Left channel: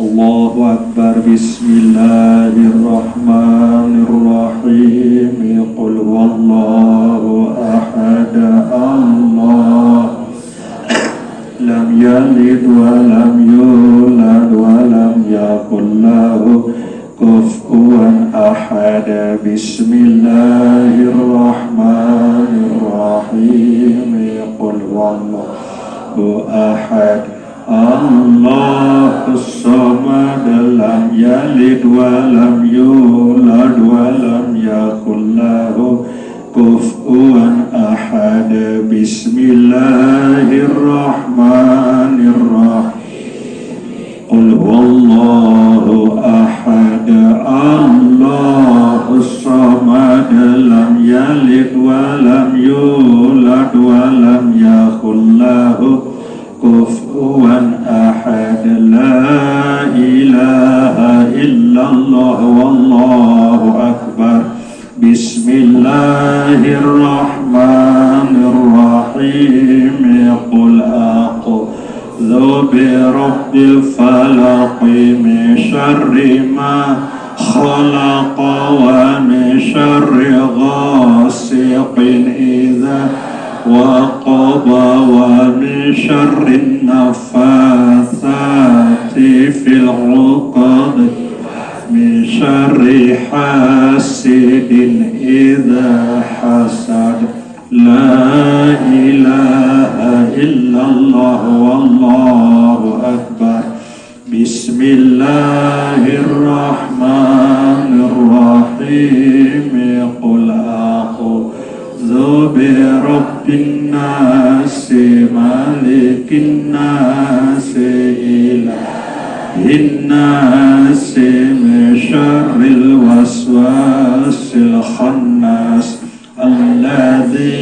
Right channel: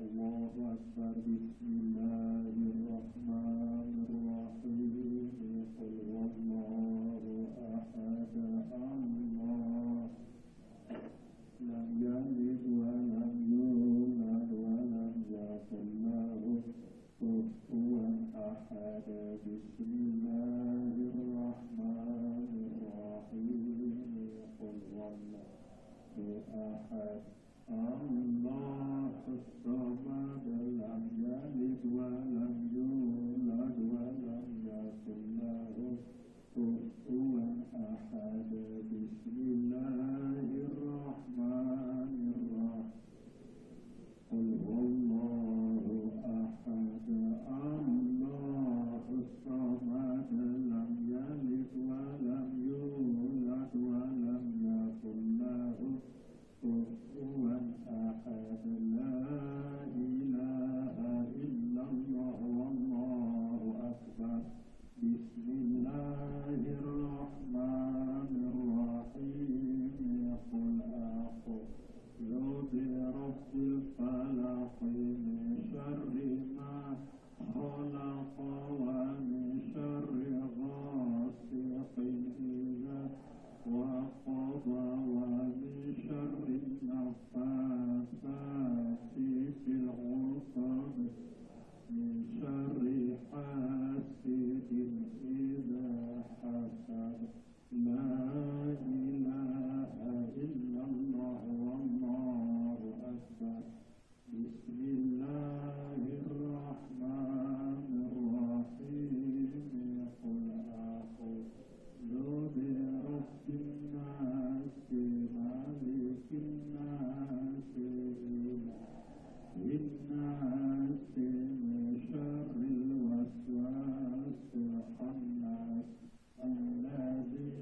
الله أكبر. بسم الله الرحمن الرحيم. قل هو الله أحد الله لم يلد ولم يولد ولم يكن له كفوا أحد. بسم الله الرحمن الرحيم. قل هو الله أحد الله الصمد لم يلد ولم يولد ولم يكن له كفوا أحد. بسم الله الرحمن الرحيم. قل هو الله أحد الله الصمد لم يلد ولم يولد ولم يكن له كفوا أحد. لا إله إلا الله والله أكبر. بسم الله الرحمن الرحيم. قل أعوذ برب الفلق من شر ما خلق ومن شر غاسق إذا وقب ومن شر النفاثات في العقد من شر حاسد إذا حسد. لا إله إلا الله والله أكبر. بسم الله الرحمن الرحيم. قل أعوذ برب الناس مالك الناس إله الناس من شر الوسواس الخناس الذي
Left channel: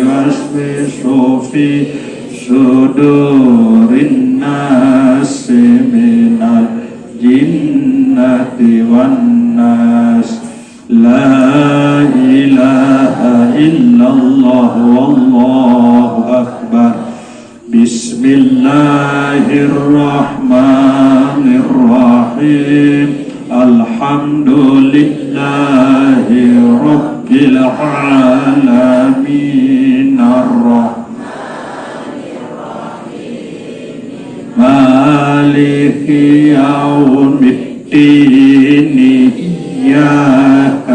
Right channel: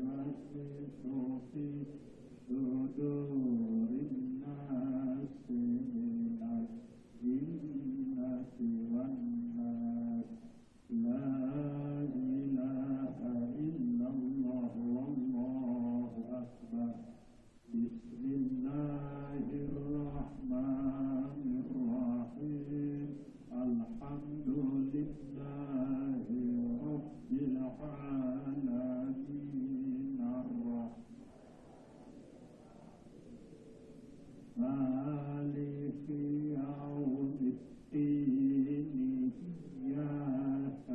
يوسوس في صدور الناس من الجنة والناس. لا إله إلا الله والله أكبر. بسم الله الرحمن الرحيم. الحمد لله رب العالمين الرحمن الرحيم مالك يوم الدين. إياك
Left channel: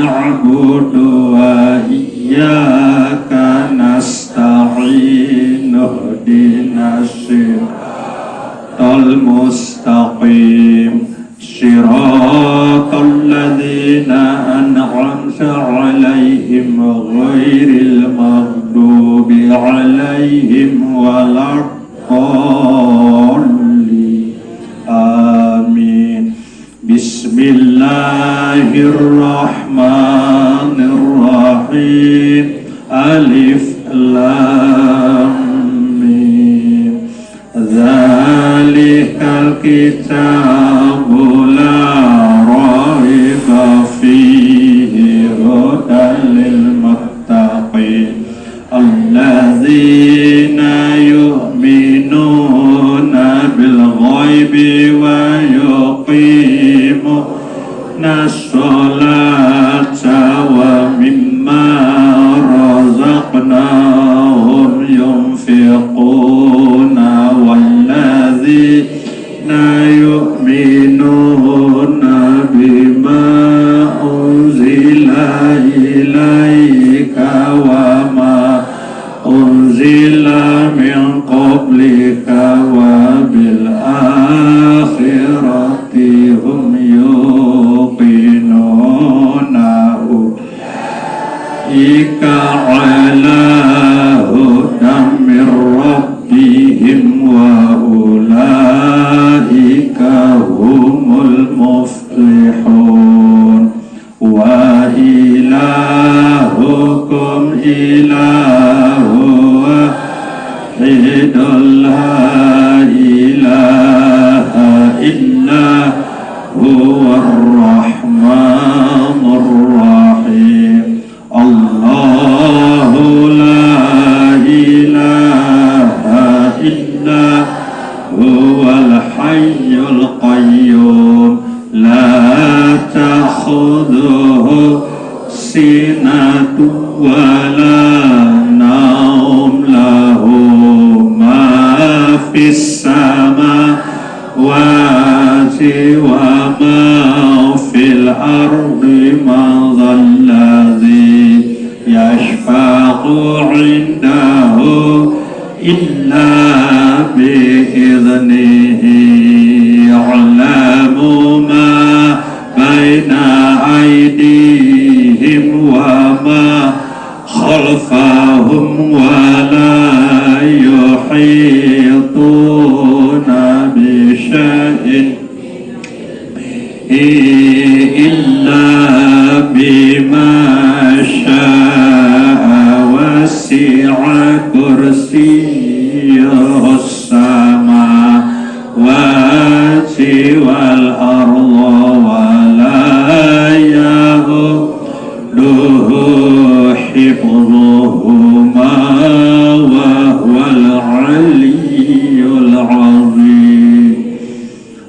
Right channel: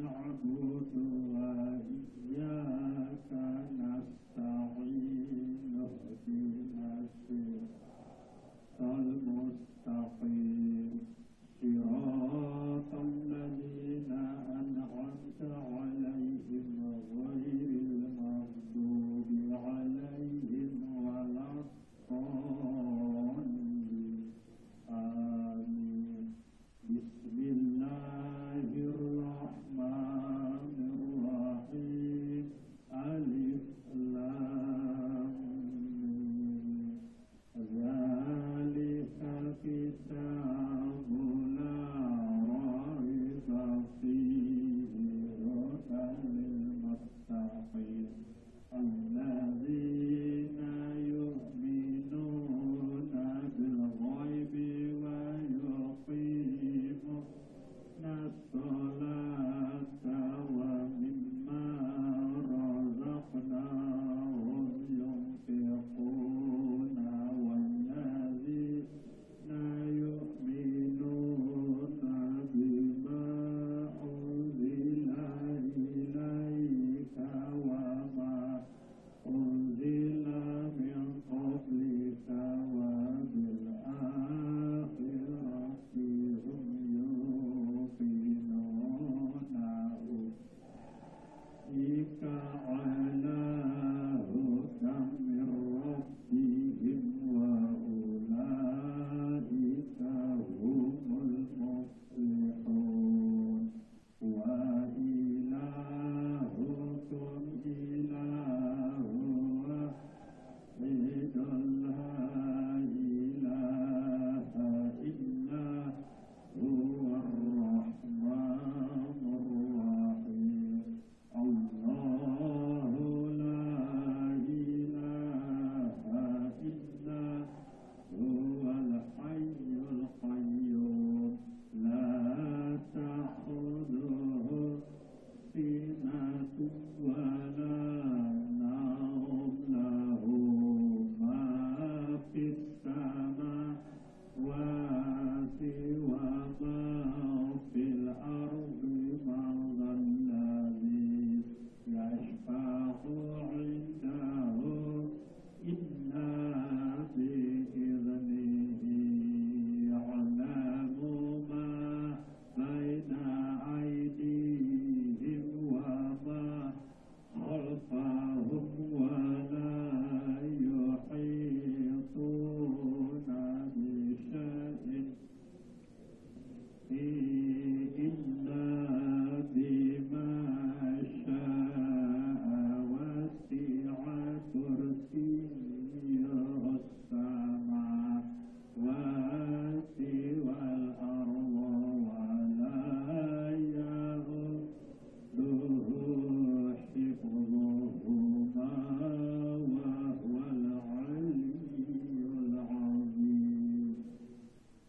نعبد وإياك نستعين. اهدنا الصراط المستقيم صراط الذين أنعمت عليهم غير المغضوب عليهم ولا الضالين. آمين. بسم الله الرحمن الرحيم. ألف لام ميم. ذلك الكتاب لا ريب فيه هدى للمتقين الذين يؤمنون بالغيب ويقيمون الصلاة ومما رزقناهم ينفقون والذين يؤمنون بما أنزل إليك وما أنزل من قبلك وبالآخرة هم يوقنون. أولئك على هدى من ربهم وأولئك هم المفلحون. وإلهكم إله واحد لا إله إلا هو الرحمن الرحيم. الله لا إله إلا هو الحي القيوم القيوم لا تأخذه سنة ولا نوم له ما في السماوات وما في الأرض من ذا الذي يشفع عنده إلا بإذنه يعلم ما بين أيديهم وما خلفهم ولا يحيطون بشيء إلا بما شاء وسع كرسيه السماوات والأرض ولا يؤوده حفظهما وهو العلي العظيم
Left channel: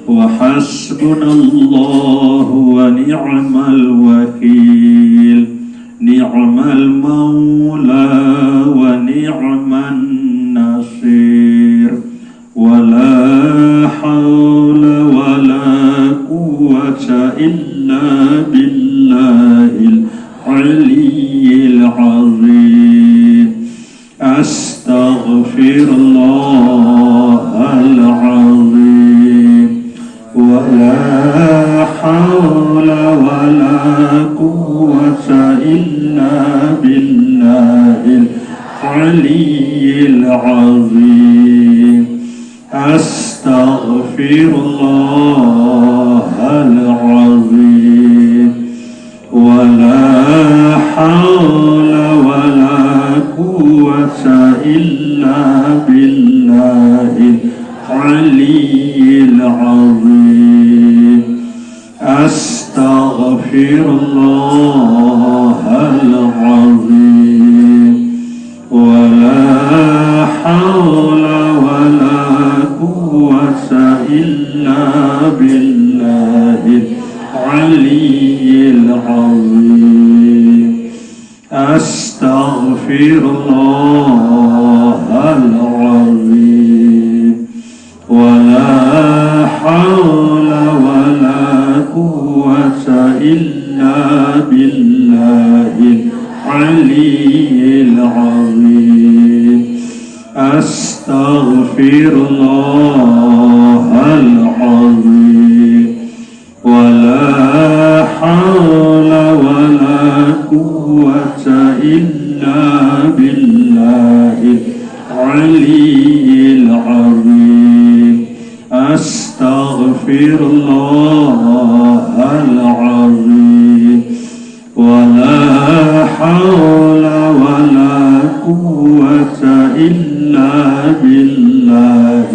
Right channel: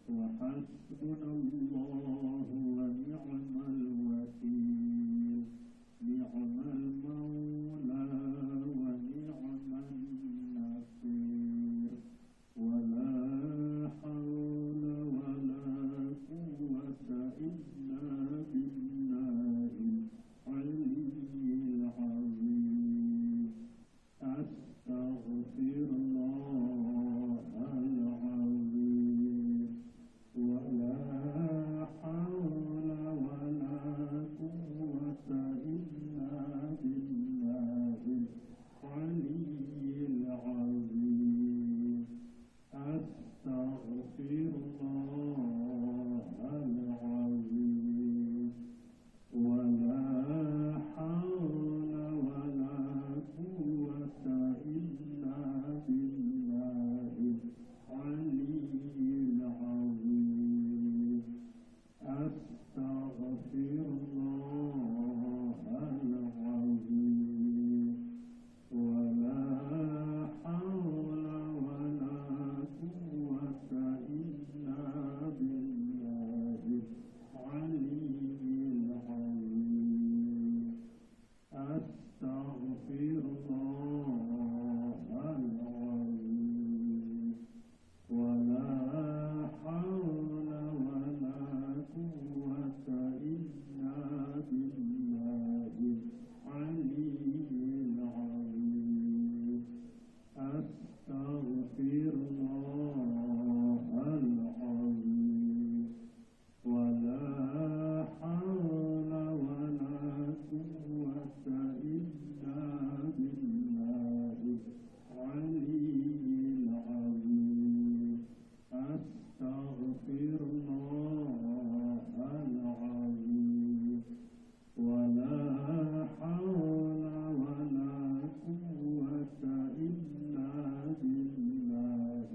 وحسبنا الله ونعم الوكيل نعم المولى ونعم النصير ولا حول ولا قوة إلا بالله العلي العظيم أستغفر الله العظيم ولا حول ولا قوة إلا بالله العلي العظيم أستغفر الله العظيم ولا حول ولا قوة إلا بالله العلي العظيم أستغفر الله العظيم ولا حول ولا قوة إلا بالله العلي العظيم أستغفر الله العظيم ولا حول ولا قوة إلا بالله العلي العظيم أستغفر الله العظيم ولا حول ولا قوة إلا بالله العلي العظيم أستغفر الله العظيم ولا حول ولا قوة إلا بالله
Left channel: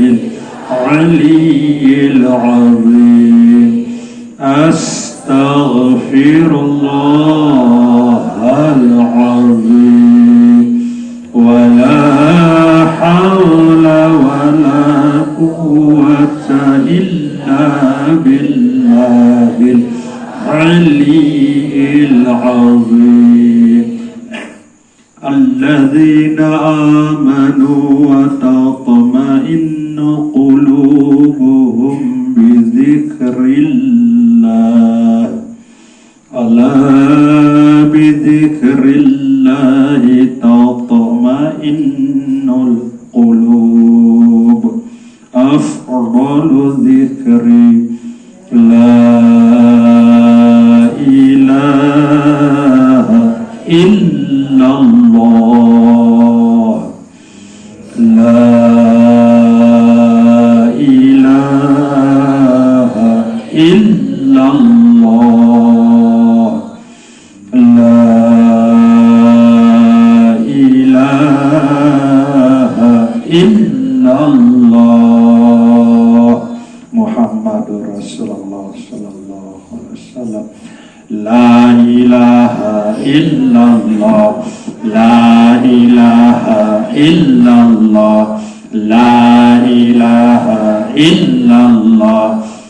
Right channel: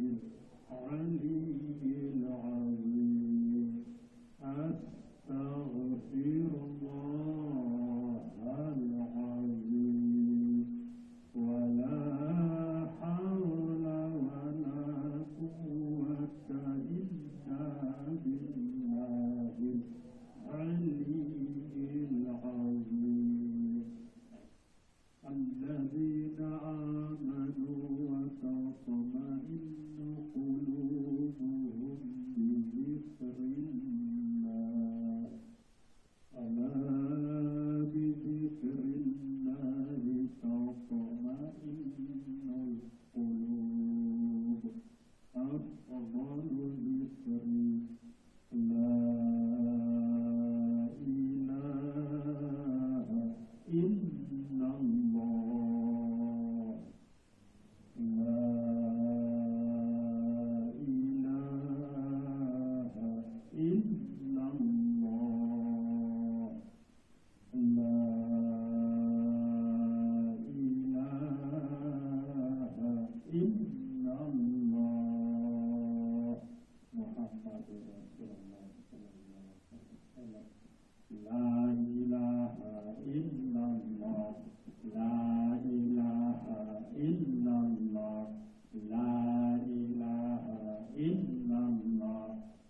العلي العظيم أستغفر الله العظيم ولا حول ولا قوة إلا بالله العلي العظيم الذين آمنوا وتطمئن قلوبهم بذكر الله ألا بذكر الله تطمئن القلوب أفضل ذكر لا إله إلا الله لا إله إلا الله لا إله إلا الله محمد رسول الله صلى الله عليه وسلم لا إله إلا الله لا إله إلا الله لا إله إلا الله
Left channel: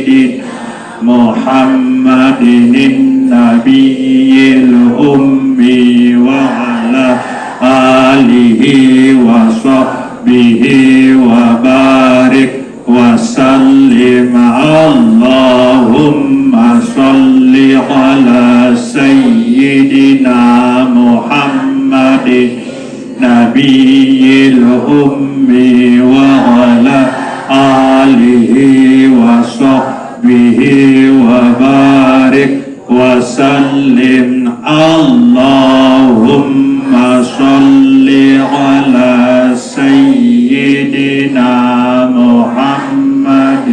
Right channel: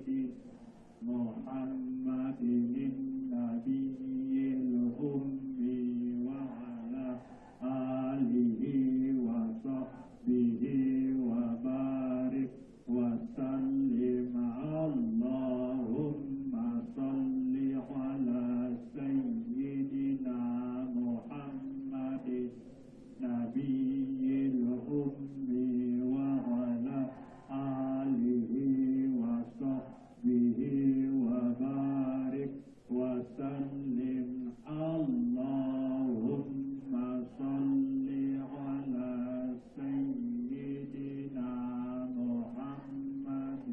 سيدنا محمد النبي الأمي وعلى آله وصحبه وبارك وسلم اللهم صل على سيدنا محمد نبي الأمي وعلى آله وصحبه وبارك وسلم اللهم صل على سيدنا محمد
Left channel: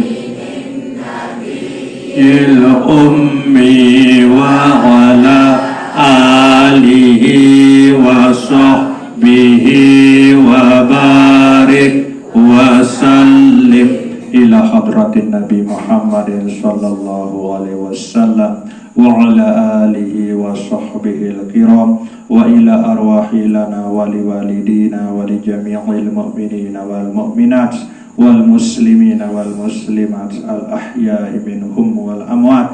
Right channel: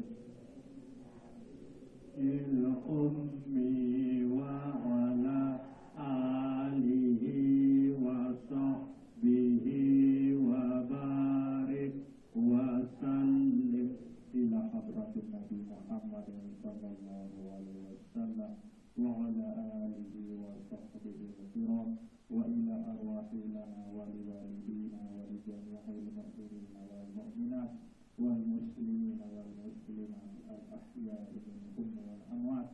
الأمي وعلى آله وصحبه وبارك وسلم إلى حضرة النبي محمد صلى الله عليه وسلم وعلى آله وصحبه الكرام وإلى أرواح لنا ولوالدينا ولجميع المؤمنين والمؤمنات والمسلمين والمسلمات الأحياء منهم والأموات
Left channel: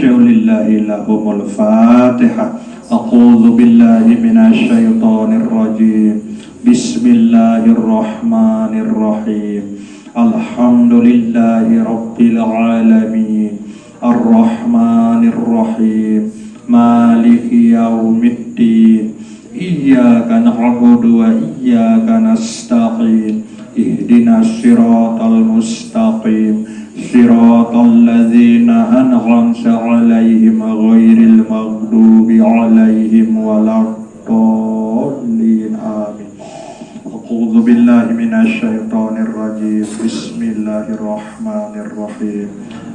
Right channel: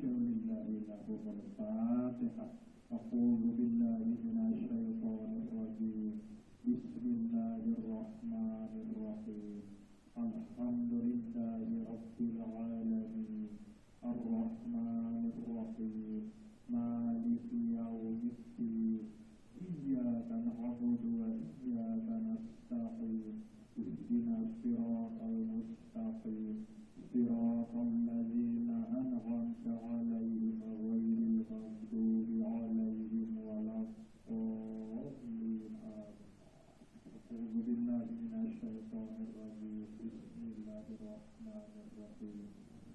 شول الله لهم الفاتحة أعوذ بالله من الشيطان الرجيم بسم الله الرحمن الرحيم الحمد لله رب العالمين الرحمن الرحيم مالك يوم الدين إياك نعبد وإياك نستعين اهدنا الصراط المستقيم صراط الذين أنعمت عليهم غير المغضوب عليهم ولا الضالين آمين أعوذ بالله من الشيطان الرجيم بسم الله الرحمن الرحيم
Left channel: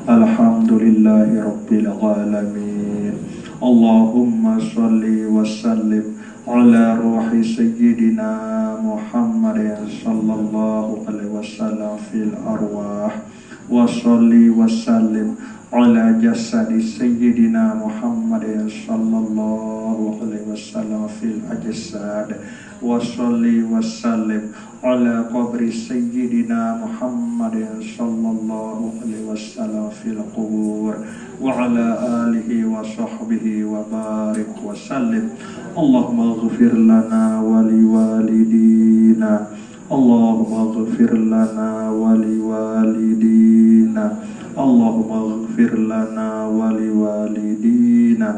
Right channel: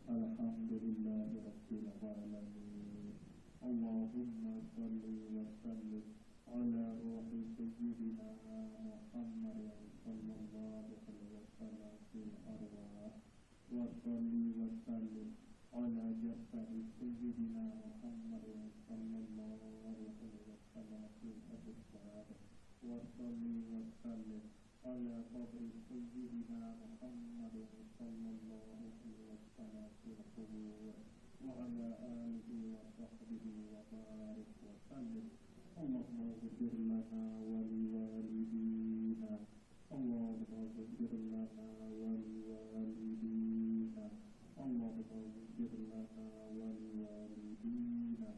الحمد لله رب العالمين اللهم صل وسلم على روح سيدنا محمد صلى الله عليه وسلم في الأرواح وصل وسلم على جسد سيدنا محمد صلى الله عليه وسلم في الأجساد وصل وسلم على قبر سيدنا محمد صلى الله عليه وسلم في القبور وعلى آله وصحبه وبارك وسلم اللهم اغفر لنا ولوالدينا اللهم اغفر لنا ولوالدينا اللهم اغفر لنا ولوالدينا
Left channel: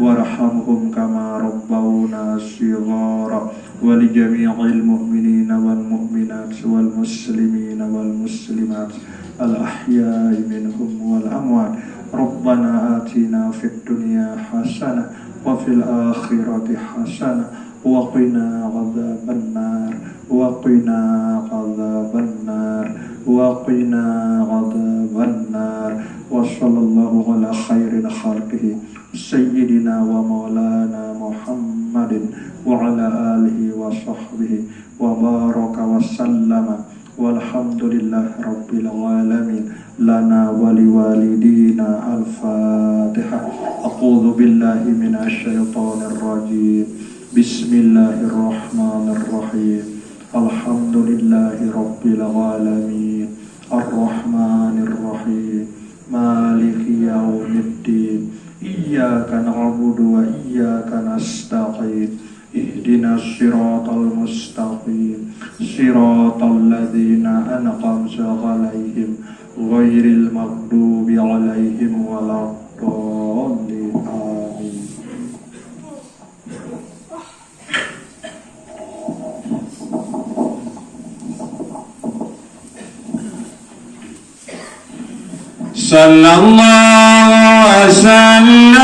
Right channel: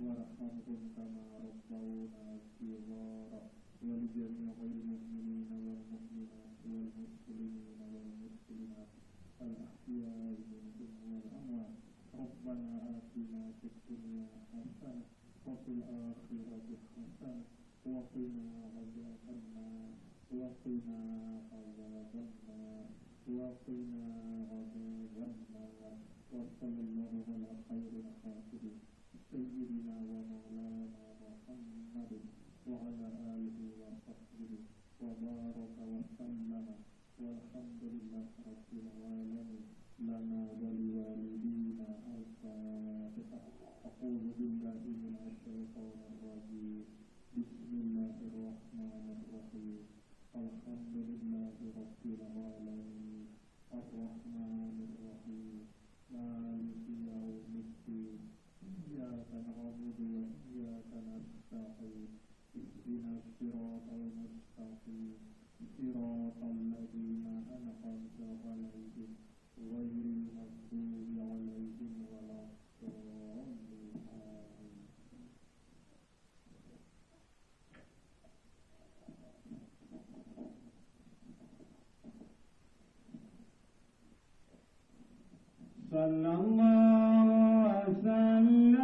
وارحمهم كما ربونا صغارا ولجميع المؤمنين والمؤمنات والمسلمين والمسلمات الأحياء منهم والأموات ربنا آتنا في الدنيا حسنة وفي الآخرة حسنة وقنا عذاب النار وقنا عذاب النار وقنا عذاب النار وصلى الله على خير خلقه سيدنا ومولانا محمد وعلى آله وصحبه وبارك وسلم والحمد لله رب العالمين لنا ولوالدينا الفاتحة أعوذ بالله من الشيطان الرجيم بسم الله الرحمن الرحيم الحمد لله رب العالمين الرحمن الرحيم مالك يوم الدين إياك نعبد وإياك نستعين اهدنا الصراط المستقيم صراط الذين أنعمت عليهم غير المغضوب عليهم ولا الضالين آمين صلى الله وسلم